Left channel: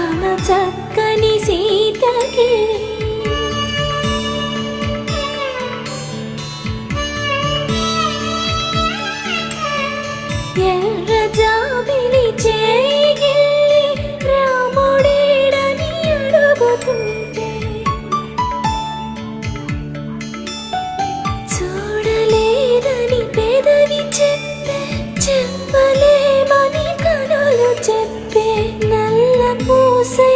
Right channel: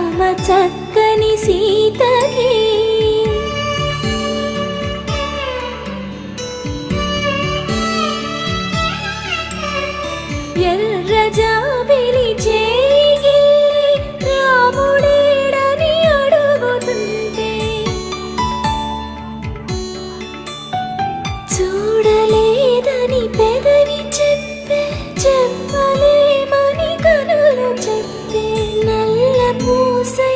రామ చక్కని సీతకి ఎర్ర జాబిలి చేయి రాముడేడని అడుగుతుంటే చూడలేదని పెదవి చెప్పే చెప్పలేమని కనులు చెప్పే నల్ల పూసై